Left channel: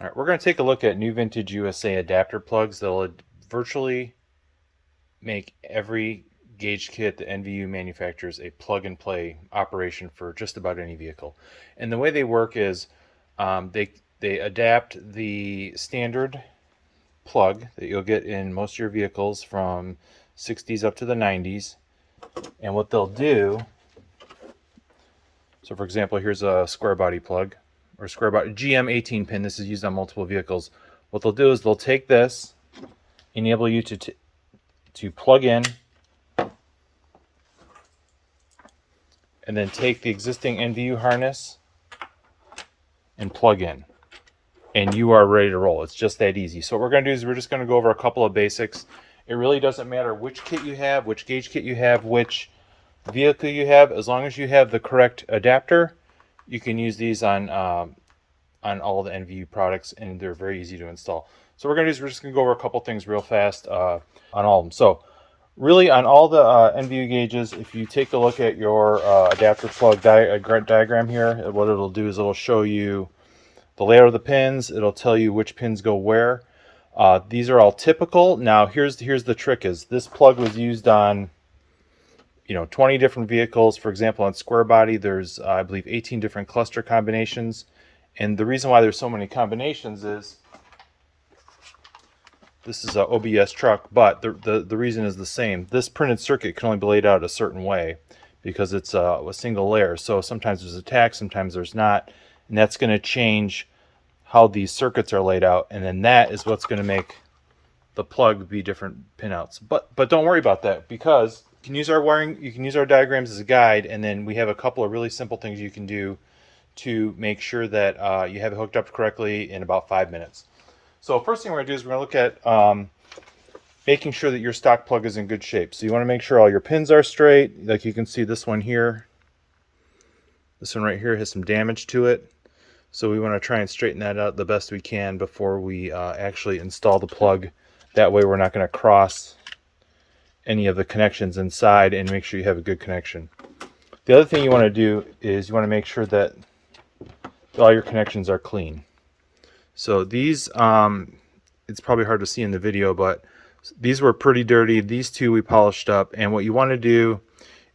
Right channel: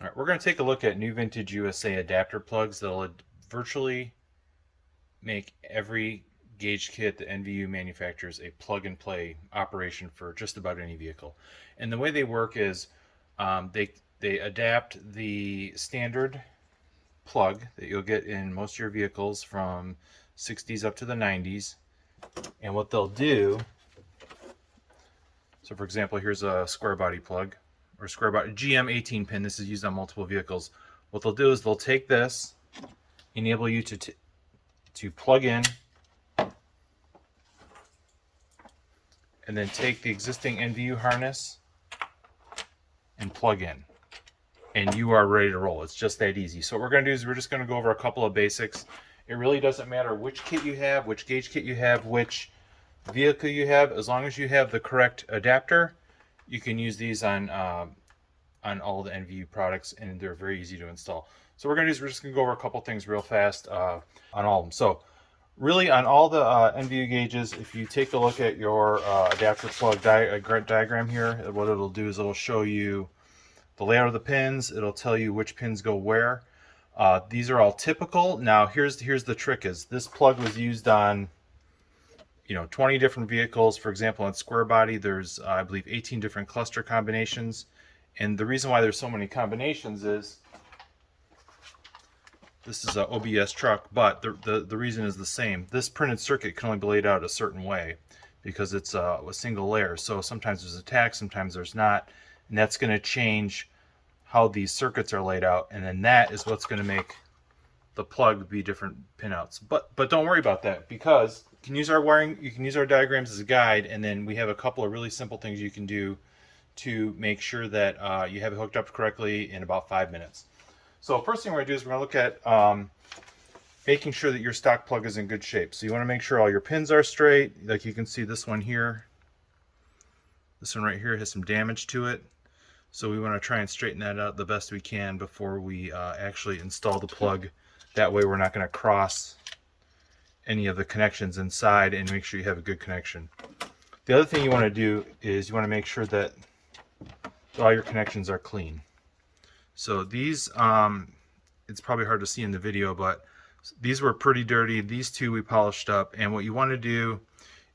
All right, we're going to take a look at New Vintage USA adapter plugs that'll virtually make every gauge kit the NVU manufactures a plug and play operation for just about any vehicle. And the way they work is they adapt the standard plug that you'll get in most of your vehicles from 60s up to the 90s. And what they'll do, so for example, here's a square body plug or square body GM 18 pin. This is used on multiple vehicles. What they'll do is they'll take this, enable you to plug in, and then take the existing NVU harness and plug in, and you are ready to roll. It's just that easy. So what we're going to do is we're just going to go over a couple of basics. It really doesn't matter which kit you have, which gauge kit you have, which vehicle you have. As long as you have the correct adapter, you can use these on all the NVU products, and they're very easy to install. So what we're going to do is we're just going to go over a couple things real fast on all of them. So really on all the NVU gauges, if you take a look at your adapter plug diagram here, what it'll do is it'll show you the layout of the pins. It'll tell you which pins go where. These are all typical. Now here's the trick: is this plug was used on 20 different vehicles. For example, on square body, there's I believe 18 different cluster combinations. And the reason why there's so many combinations is this is a OBS truck, but the reason is the same. This printed circuit can only be laid out a certain way because it's a single layer. So sometimes there's a tach, sometimes there's not, and that's going to change how these circuits are laid out, and then that is what's going to make the plug be different pinouts. But don't worry about that, because you can use our wiring, you can use our diagrams as a guide, and then we have a couple of really simple things you can do to make sure that you have it hooked up correctly in about 5 minutes. So first thing we're going to do is we're going to look at making sure that your stock plug is in good shape. So you want to make sure all your pins are straight. Like you can see this one here. This one right here has some damage to it. So we want to try and straighten that out the best we can before we actually install the plug. That way we're not going to cross any of the connections inside, and make sure you have a good connection. The other thing you want to do is you want to make sure that all your connections are clean. So these, it's probably hard to see in the video, but these were pretty dirty. These two we polished up, and what you want to do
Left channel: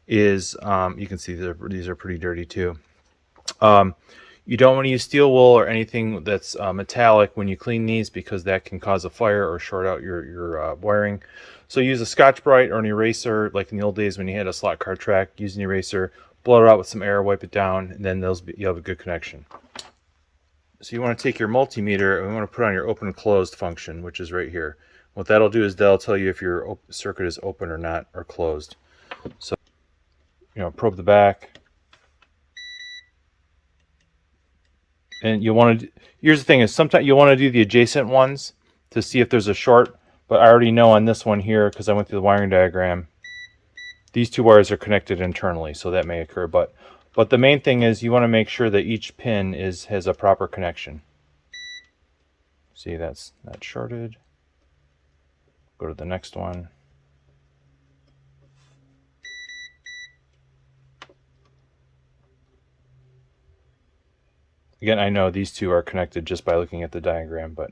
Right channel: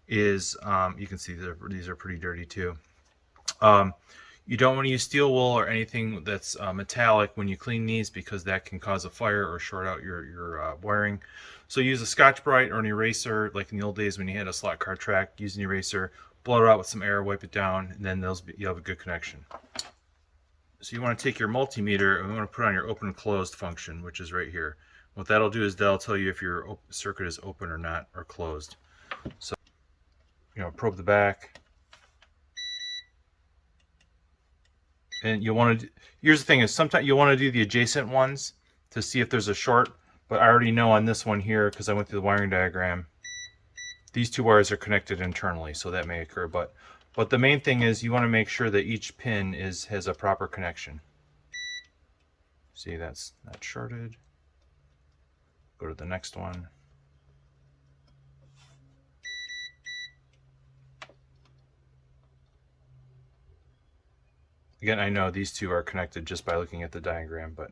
is, you can see these are pretty dirty too. You don't want to use steel wool or anything that's metallic when you clean these, because that can cause a fire or short out your wiring. So use a Scotch-Brite or an eraser, like in the old days when you had a slot car track. Use an eraser, blow it out with some air, wipe it down, and then you'll have a good connection. So you want to take your multimeter and we want to put on your open and closed function, which is right here. What that'll do is that'll tell you if your circuit is open or not, or closed. So probe the back. And you want to, here's the thing, is sometimes you want to do the adjacent ones to see if there's a short, but I already know on this one here, because I went through the wiring diagram, these two wires are connected internally, so that may occur. But the main thing is you want to make sure that each pin has a proper connection. See, that's not shorted. Go to the next one. Again, I know these two are connected just by looking at the diagram, but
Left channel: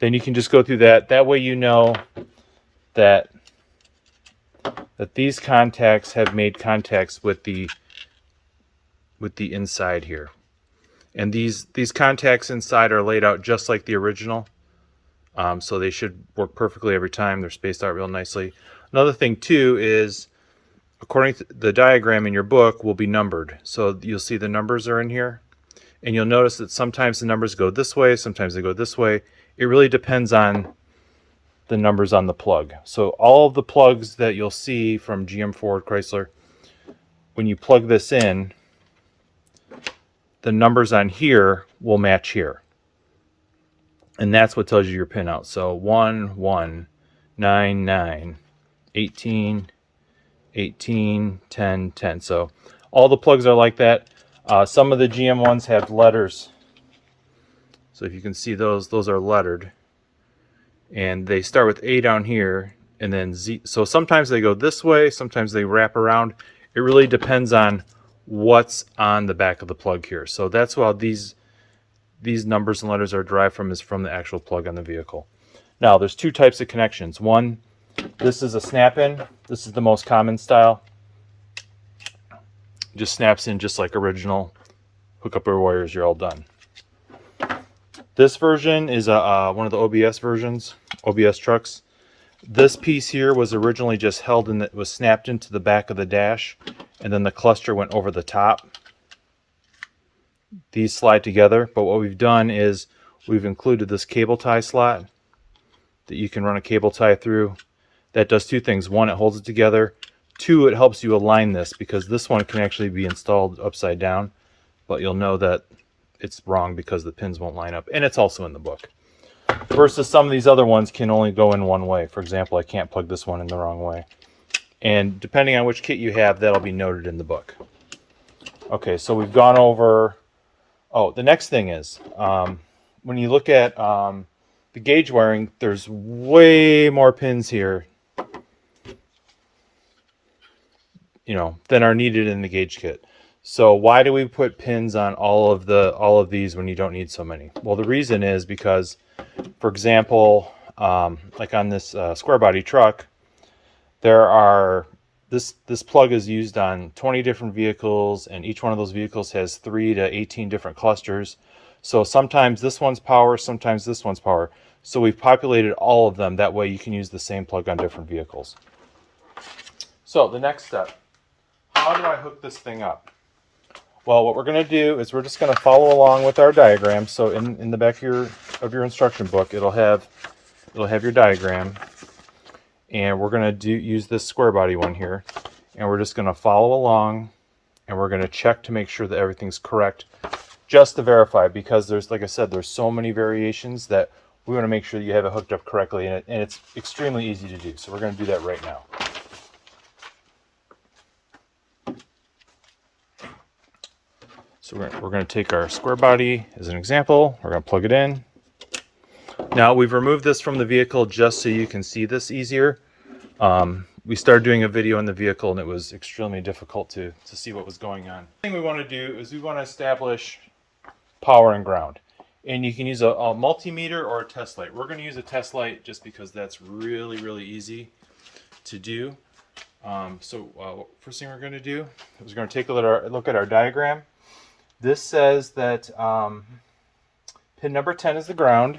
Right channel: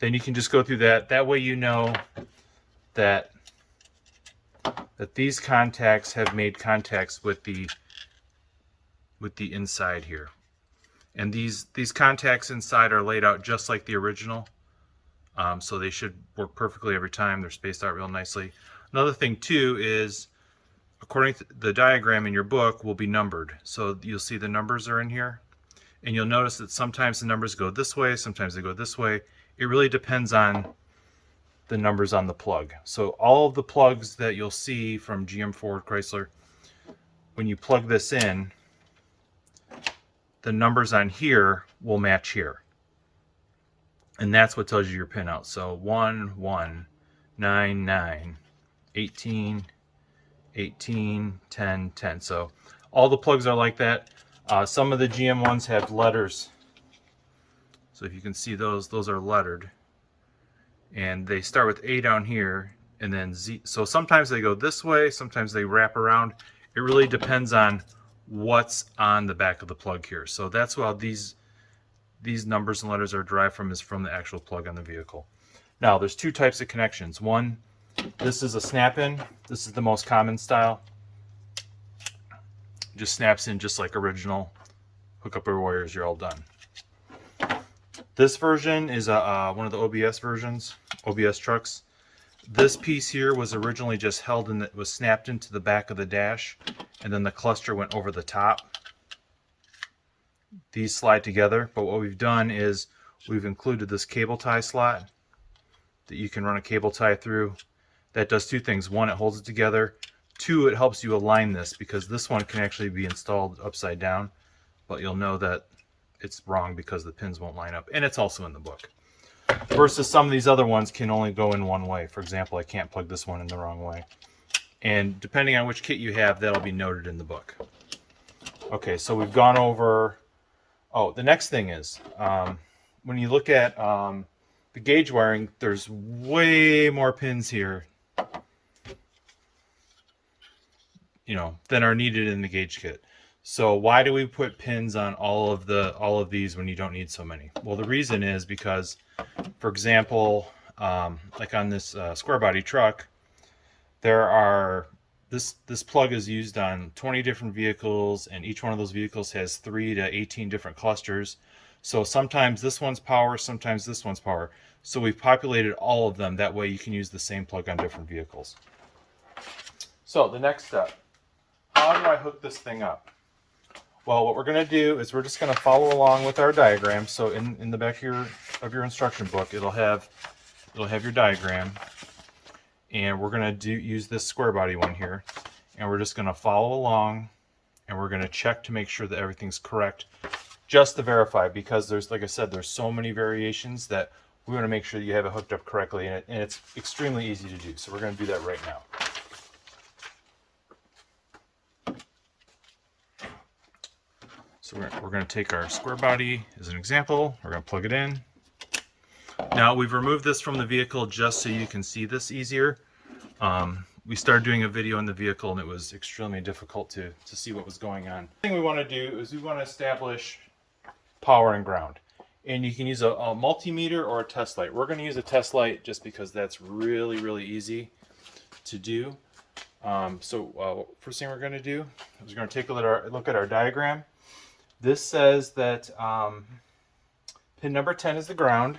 then you can just go through that. That way you know that these contacts have made contacts with the inside here. And these contacts inside are laid out just like the original. So they should work perfectly every time. They're spaced out real nicely. Another thing too is, according to the diagram in your book, will be numbered. So you'll see the numbers are in here, and you'll notice that sometimes the numbers go this way, sometimes they go this way. It really depends on the numbers on the plug. So all of the plugs that you'll see from GM, Ford, Chrysler, when you plug this in, the numbers on here will match here. And that's what tells you your pin out. So 1, 1, 9, 9, 18, 18, 10, 10. So all the plugs are like that. Some of the GM ones have letters. So if you can see those are lettered. And they start with A down here and then Z. So sometimes they go this way, sometimes they wrap around. It really depends on what's on the back of the plug here. So that's why these numbers and letters are derived from, is from the actual plug on the vehicle. Now there's two types of connections. One, this is a snap-in. This is the most common style. Just snaps in just like original. Hook up your wires, you're all done. This version is one of the OBS versions, OBS trucks. This piece here was originally just held and it was snapped into the back of the dash, and then the cluster went over the top. These slide together, but what we've done is we've included this cable tie slot that you can run a cable tie through. That does two things. One, it holds it together. Two, it helps you align this, because this one can actually be installed upside down, but you'll know that it's wrong because the pins won't line up, and it's also in the book. Versus some of these other ones can only go in one way. For example, I can't plug this one in the wrong way. And depending on which kit you have, that'll be noted in the book. Okay, so we've gone over... Oh, the next thing is, when you look at the gauge wiring, there's way more pins here, than are needed in the gauge kit. So why do we put pins on all of these when you don't need so many? Well, the reason is because, for example, like on this square body truck, there are this plug is used on 20 different vehicles, and each one of those vehicles has 3 to 18 different clusters. So sometimes this one's power, sometimes this one's power. So we've populated all of them. That way you can use the same plug on different vehicles. So the next step, how do I hook this thing up? Well, what we're going to do is we're just going to follow along with our diagram. So in the back of your instruction book, it'll have your diagram, and we're going to use this square body one here, and we're just going to follow along, and we're going to check to make sure that everything's correct, just to verify, because there's, like I said, there's so many variations that we want to make sure that you have it hooked up correctly, and it's extremely easy to do. So we're going to do that right now. So we're going to take our square body as an example. We're going to plug it in. Now we've removed this from the vehicle just so you can see this easier. We started doing a video in the vehicle and it was extremely difficult to see what was going on. The thing we want to do is we want to establish power and ground. And you can use a multimeter or a test light. We're going to use a test light just because that's really, really easy to do. First thing we're going to do is we're going to take a look at our diagram. This says that pin number 10 is the ground.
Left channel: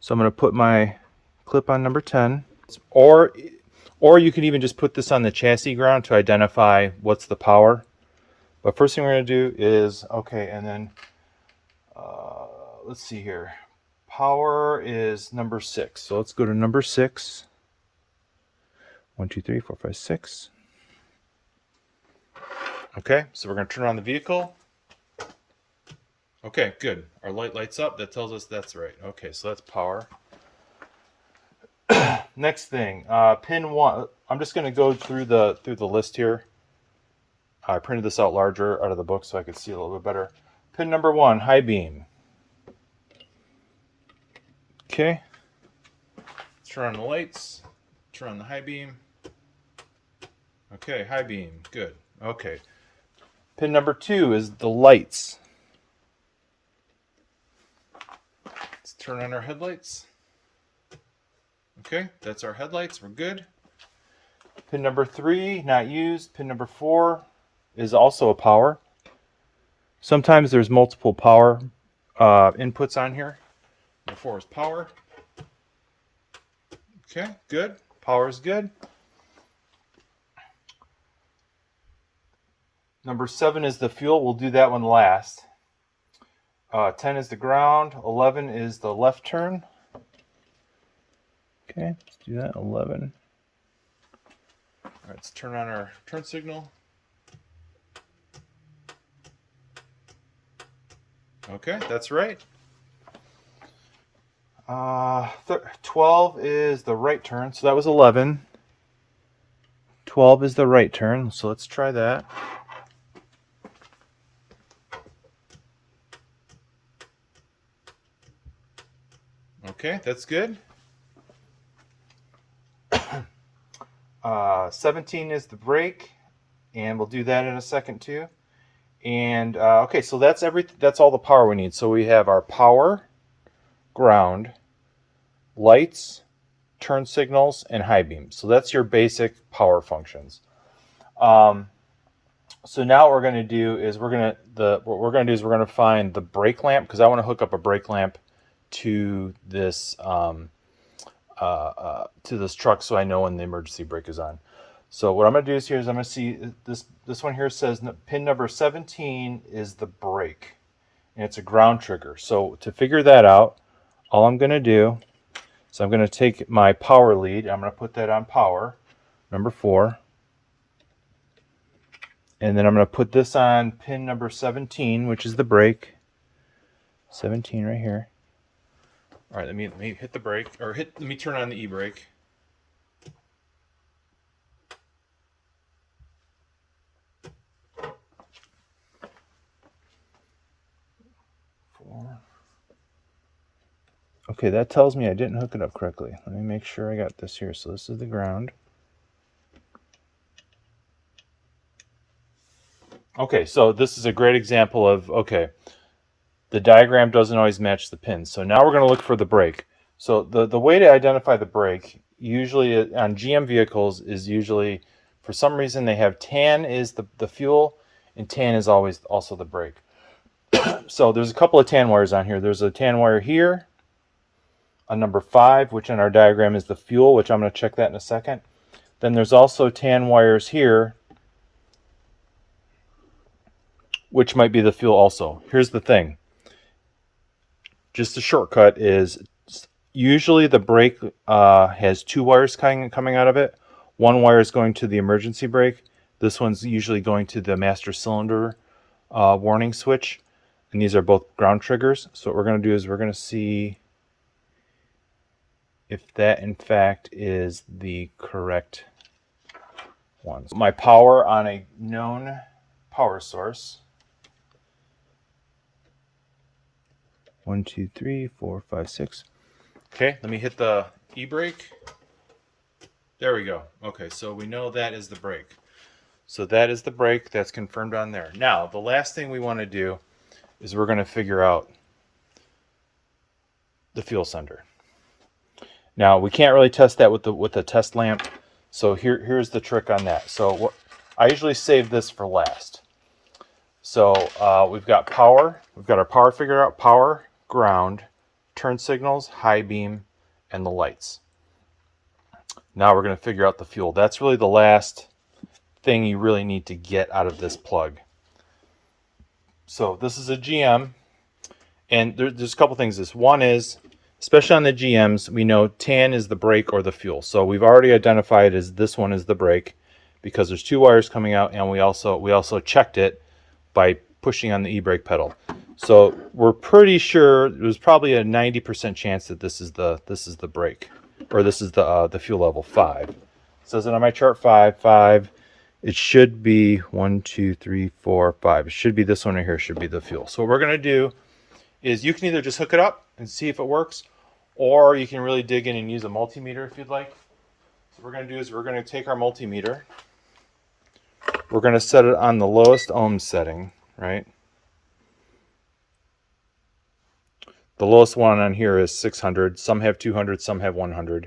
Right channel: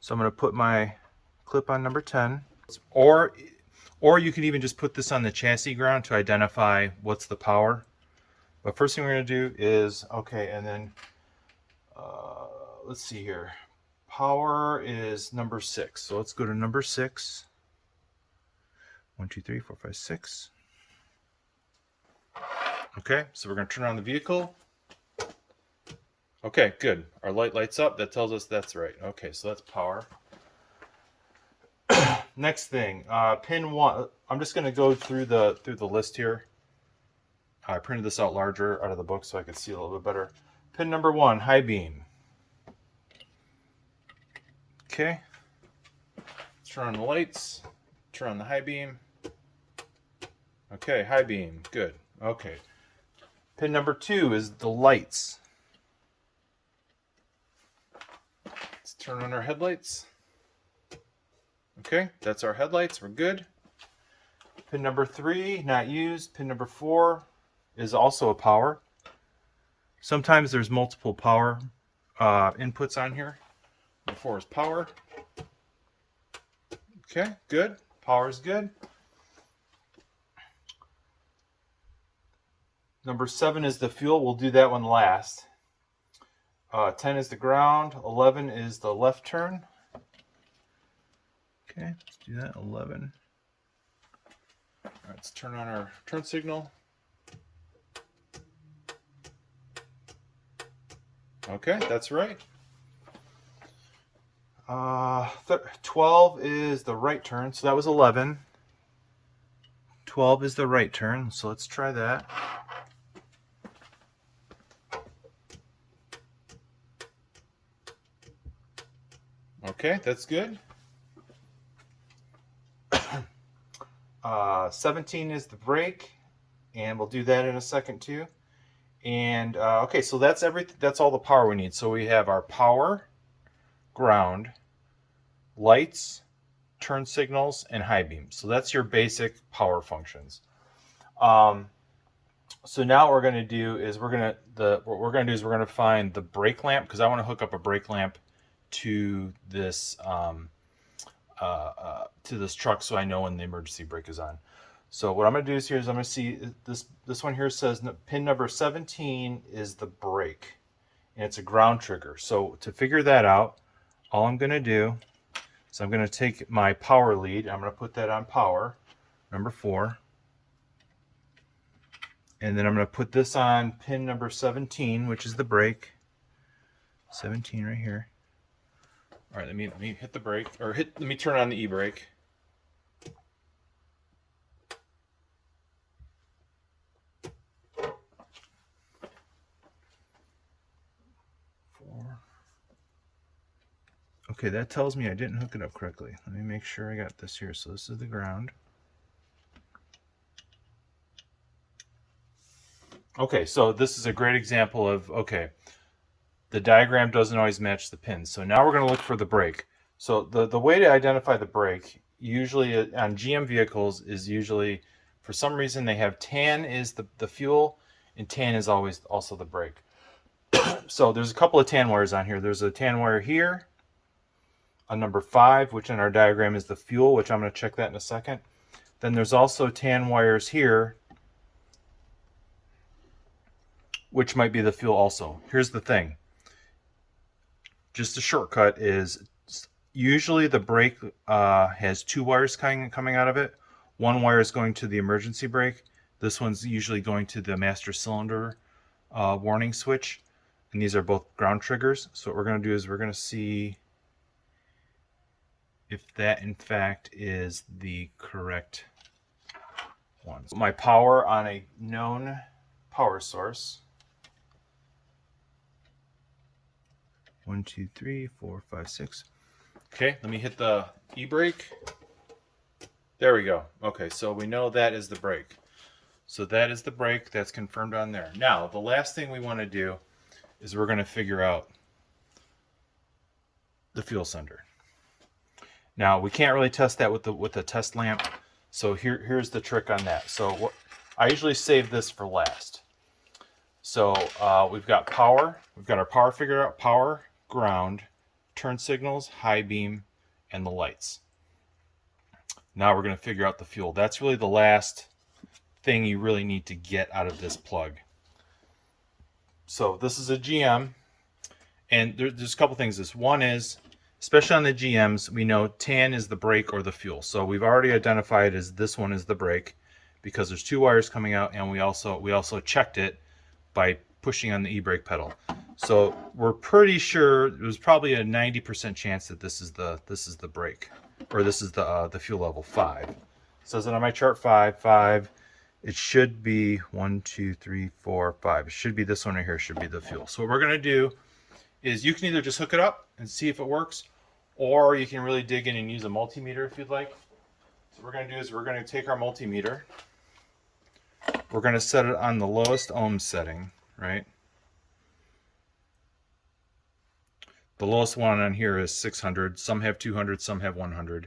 So I'm going to put my clip on number 10. Or you can even just put this on the chassis ground to identify what's the power. But first thing we're going to do is, okay, and then let's see here. Power is number 6. So let's go to number 6. 1, 2, 3, 4, 5, 6. Okay, so we're going to turn on the vehicle. Okay, good. Our light lights up. That tells us that's right. Okay, so that's power. Next thing, pin 1. I'm just going to go through the list here. I printed this out larger out of the book so I could see a little bit better. Pin number 1, high beam. Okay. Let's turn on the lights. Turn on the high beam. Okay, high beam. Good. Okay. Pin number 2 is the lights. Let's turn on our headlights. Okay, that's our headlights. We're good. Pin number 3, not used. Pin number 4 is also a power. Sometimes there's multiple power inputs on here. Number 4 is power. Okay, good. Power is good. Number 7 is the fuel. We'll do that one last. 10 is the ground. 11 is the left turn. Okay, let's do that. 11. All right, let's turn on our turn signal. Okay, that's right. 12 is the right turn, so that was 11. 12 is the right turn, so let's try that. Okay, that's good. 17 is the brake, and we'll do that in a second too. And okay, so that's everything. That's all the power we need. So we have our power, ground, lights, turn signals, and high beams. So that's your basic power functions. Um, so now what we're going to do is we're going to find the brake lamp, because I want to hook up a brake lamp to this truck so I know when the emergency brake is on. So what I'm going to do is I'm going to see this one here says pin number 17 is the brake, and it's a ground trigger. So to figure that out, all I'm going to do is I'm going to take my power lead. I'm going to put that on power, number 4. And then I'm going to put this on pin number 17, which is the brake. 17 right here. All right, let me hit the brake, or let me turn on the e-brake. Okay, that tells me I didn't hook it up correctly. Let me make sure I got this here. So this is the ground. Okay, so this is a great example of, okay, the diagram doesn't always match the pins. So now we're going to look for the brake. So the way to identify the brake, usually on GM vehicles, is usually, for some reason, they have tan is the fuel, and tan is always also the brake. So there's a couple of tan wires on here. There's a tan wire here, a number 5, which in our diagram is the fuel, which I'm going to check that in a second. Then there's also tan wires here, which might be the fuel also. Here's the thing. Just a shortcut is usually the brake has 2 wires coming out of it. One wire is going to the emergency brake. This one's usually going to the master cylinder warning switch. And these are both ground triggers. So what we're going to do is we're going to see if that in fact is the correct one. My power on a known power source. 1, 2, 3, 4, 5, 6. Okay, let me hit the e-brake. There we go. Okay, so we know that is the brake. So that is the brake. That's confirmed on there. Now, the last thing we want to do is we're going to figure out the fuel sender. Now, we can't really test that with the test lamp. So here's the trick on that. So I usually save this for last. So we've got power. We've got our power figured out. Power, ground, turn signals, high beam, and the lights. Now we're going to figure out the fuel. That's really the last thing you really need to get out of this plug. So this is a GM, and there's a couple things. One is, especially on the GMs, we know tan is the brake or the fuel. So we've already identified as this one is the brake because there's 2 wires coming out, and we also checked it by pushing on the e-brake pedal. So we're pretty sure there's probably a 90% chance that this is the brake, or this is the fuel level 5. It says it on my chart 5. It should be 1, 2, 3, 4, 5. It should be this one right here. Should be the fuel. So what we're gonna do is you can either just hook it up and see if it works, or you can really dig in and use a multimeter if you'd like. So what we're gonna do is we're gonna take our multimeter. We're gonna set it on the lowest ohm setting, right? The lowest one on here is 600. Some have 200, some have 100.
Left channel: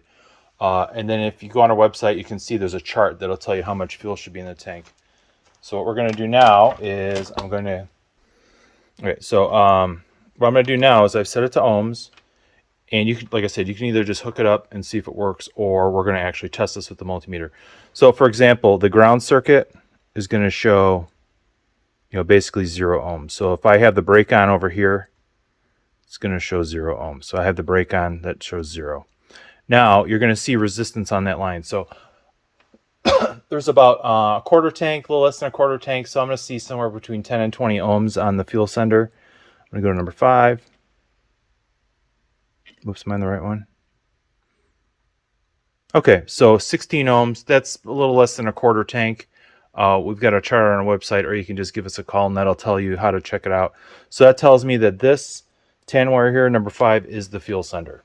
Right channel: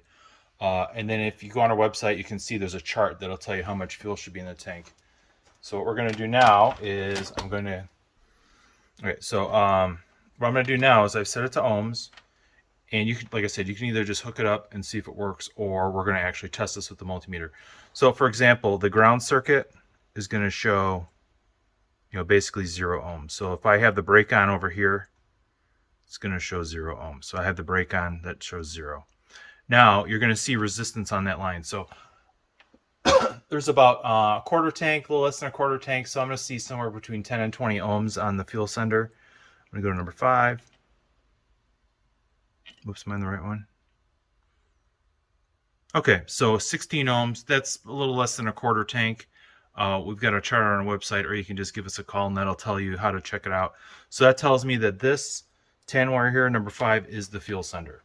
And then if you go on our website, you can see there's a chart that'll tell you how much fuel should be in the tank. So what we're going to do now is what I'm going to do now is I've set it to ohms, and you can, like I said, you can either just hook it up and see if it works, or we're going to actually test this with the multimeter. So for example, the ground circuit is going to show, basically 0 ohms. So if I have the brake on over here, it's going to show 0 ohms. So I have the brake on, that shows 0. Now you're going to see resistance on that line. So there's about a quarter tank, a little less than a quarter tank. So I'm going to see somewhere between 10 and 20 ohms on the fuel sender. I'm going to go to number 5. Oops, am I on the right one? Okay, so 16 ohms. That's a little less than a quarter tank. We've got a chart on our website, or you can just give us a call, and that'll tell you how to check it out. So that tells me that this tan wire here, number 5, is the fuel sender.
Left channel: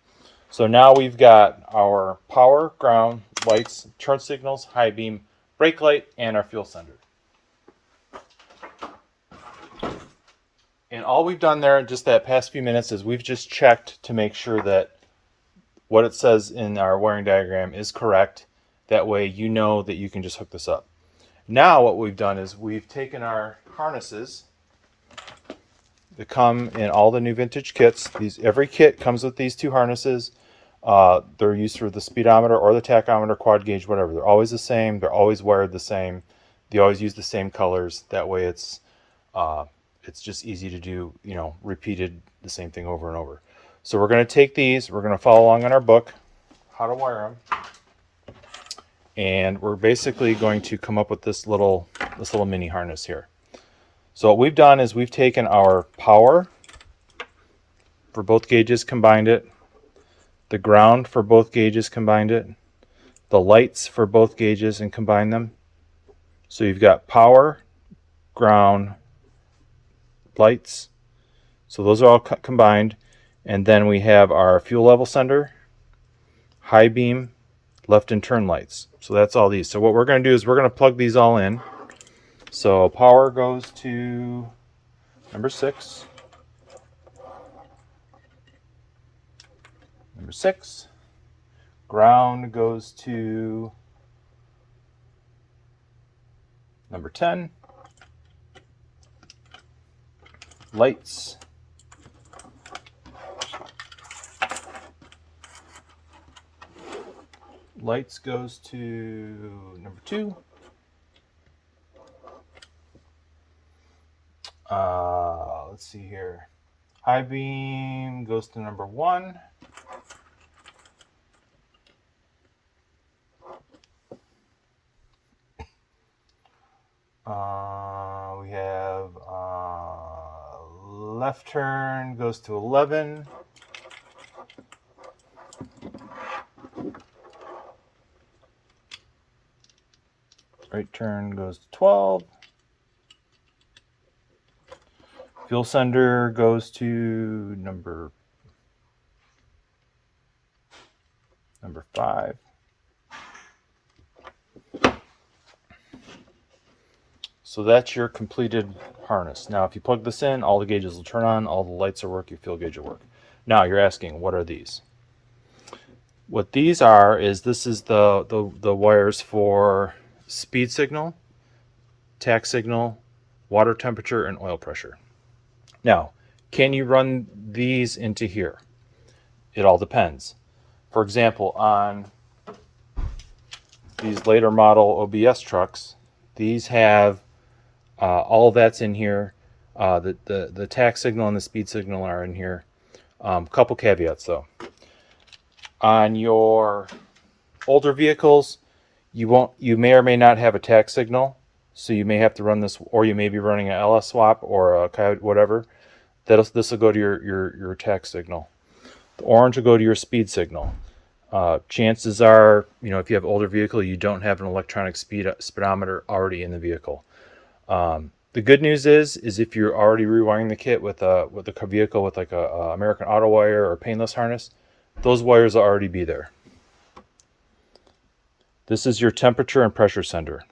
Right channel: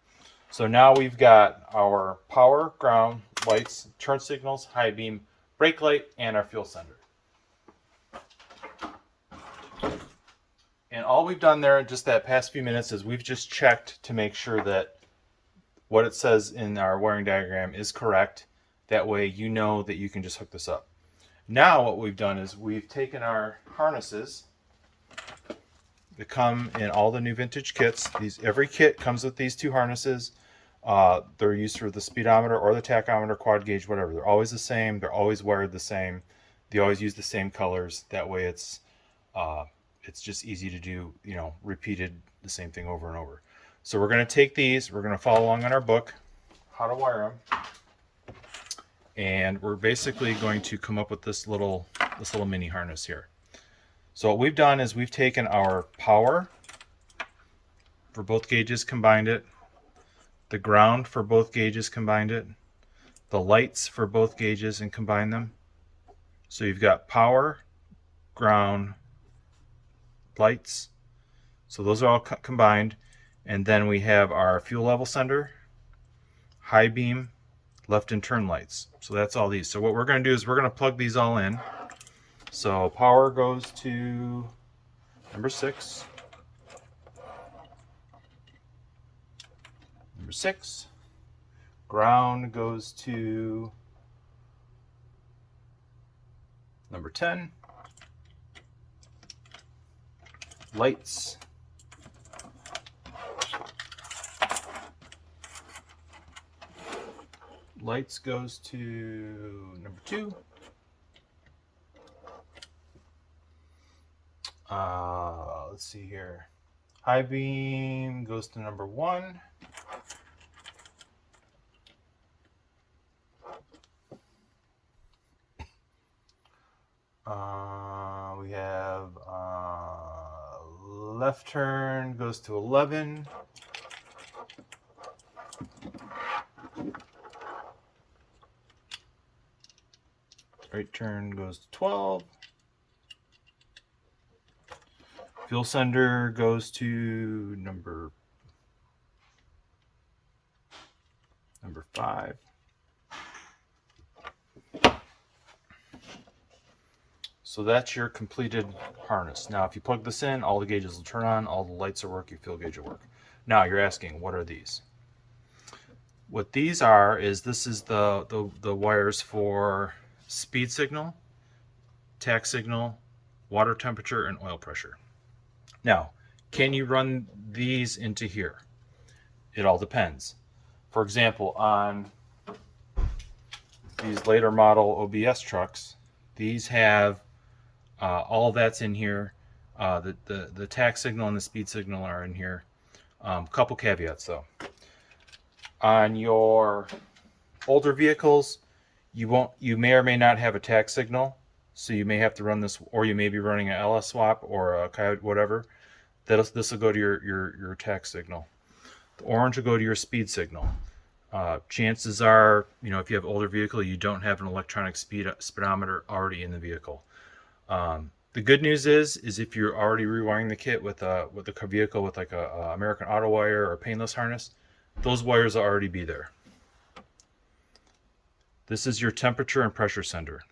So now we've got our power, ground, lights, turn signals, high beam, brake light, and our fuel sender. And all we've done there just that past few minutes is we've just checked to make sure that what it says in our wiring diagram is correct. That way you know that you can just hook this up. Now what we've done is we've taken our harnesses that come in all the new vintage kits. Every kit comes with these two harnesses. They're used for the speedometer or the tachometer, quad gauge, whatever. They're always the same. They're always wired the same. They always use the same colors. That way it's just easy to do, repeated the same thing over and over. So we're going to take these. We're going to follow along in our book, how to wire them. And we're basically going to come up with this little mini harness here. So what we've done is we've taken our power for both gauges, combined it. The ground for both gauges, combined it. The lights for both gauges and combined them. So you've got power, ground, lights. So those are all combined. And then we have our fuel level sender, high beam, left and turn lights. So that's all these. So what we're going to do is we're going to plug these all in. So power goes to number 6. Number 6. Ground goes to number 10. Lights goes to number 2. Let's see here. High beam goes to number 1. We have left turn goes to 11. Right turn goes to 12. Fuel sender goes to number 5. So that's your completed harness. Now if you plug this in, all the gauges will turn on, all the lights will work, your fuel gauge will work. Now you're asking, what are these? What these are is this is the wires for speed signal, tach signal, water temperature, and oil pressure. Now, can you run these into here? It all depends. For example, on these later model OBS trucks, these have all of that's in here. The tach signal and the speed signal are in here. Couple caveats though. On your older vehicles, you may or may not have a tach signal, so you may have to run this, or you may be running an LS swap or a Coyote, whatever. This will go to your tach signal. The orange will go to your speed signal. Chances are, if you have older vehicle, you don't have an electronic speedometer already in the vehicle. The good news is if you're already rewiring the kit with a vehicle with like a American Auto wire or painless harness, those wires will already be there. This is your temperature and pressure sender.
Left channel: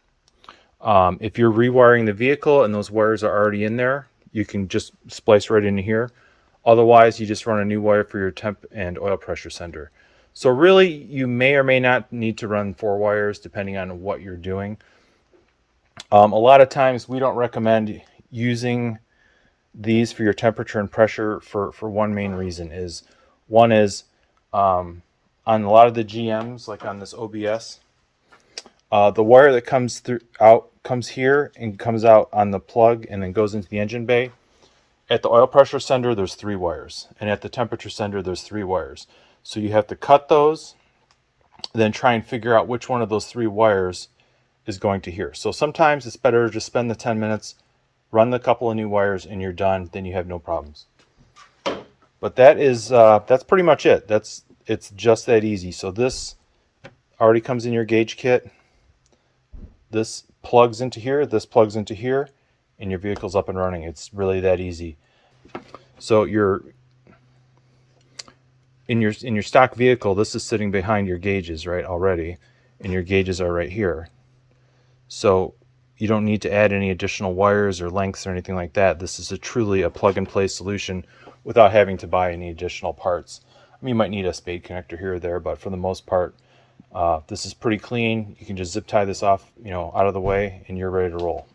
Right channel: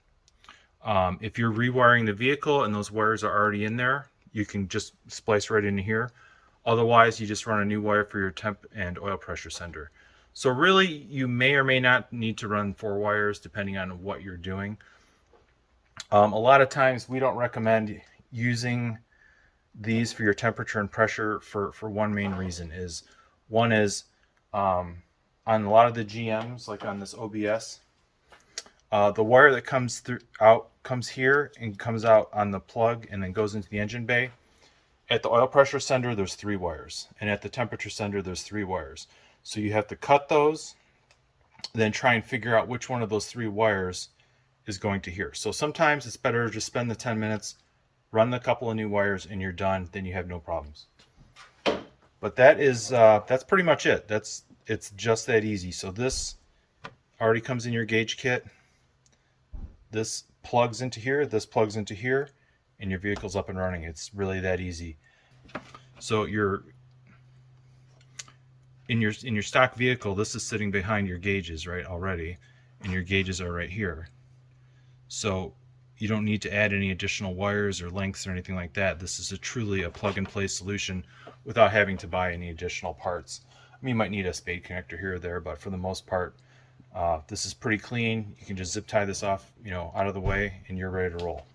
If you're rewiring the vehicle and those wires are already in there, you can just splice right into here. Otherwise, you just run a new wire for your temp and oil pressure sender. So really, you may or may not need to run 4 wires depending on what you're doing. A lot of times we don't recommend using these for your temperature and pressure for one main reason. One is on a lot of the GMs, like on this OBS, the wire that comes here and comes out on the plug and then goes into the engine bay. At the oil pressure sender, there's 3 wires, and at the temperature sender, there's 3 wires. So you have to cut those, then try and figure out which one of those 3 wires is going to here. So sometimes it's better to just spend the 10 minutes, run the couple of new wires, and you're done. Then you have no problems. But that's pretty much it. It's just that easy. So this already comes in your gauge kit. This plugs into here. This plugs into here, and your vehicle's up and running. It's really that easy. So in your stock vehicle, this is sitting behind your gauges, right, already, and your gauges are right here. So You don't need to add any additional wires or lengths or anything like that. This is truly a plug-and-play solution without having to buy any additional parts. I mean, you might need a spade connector here or there, but for the most part, this is pretty clean. You can just zip tie this off, out of the way, and you're ready to roll.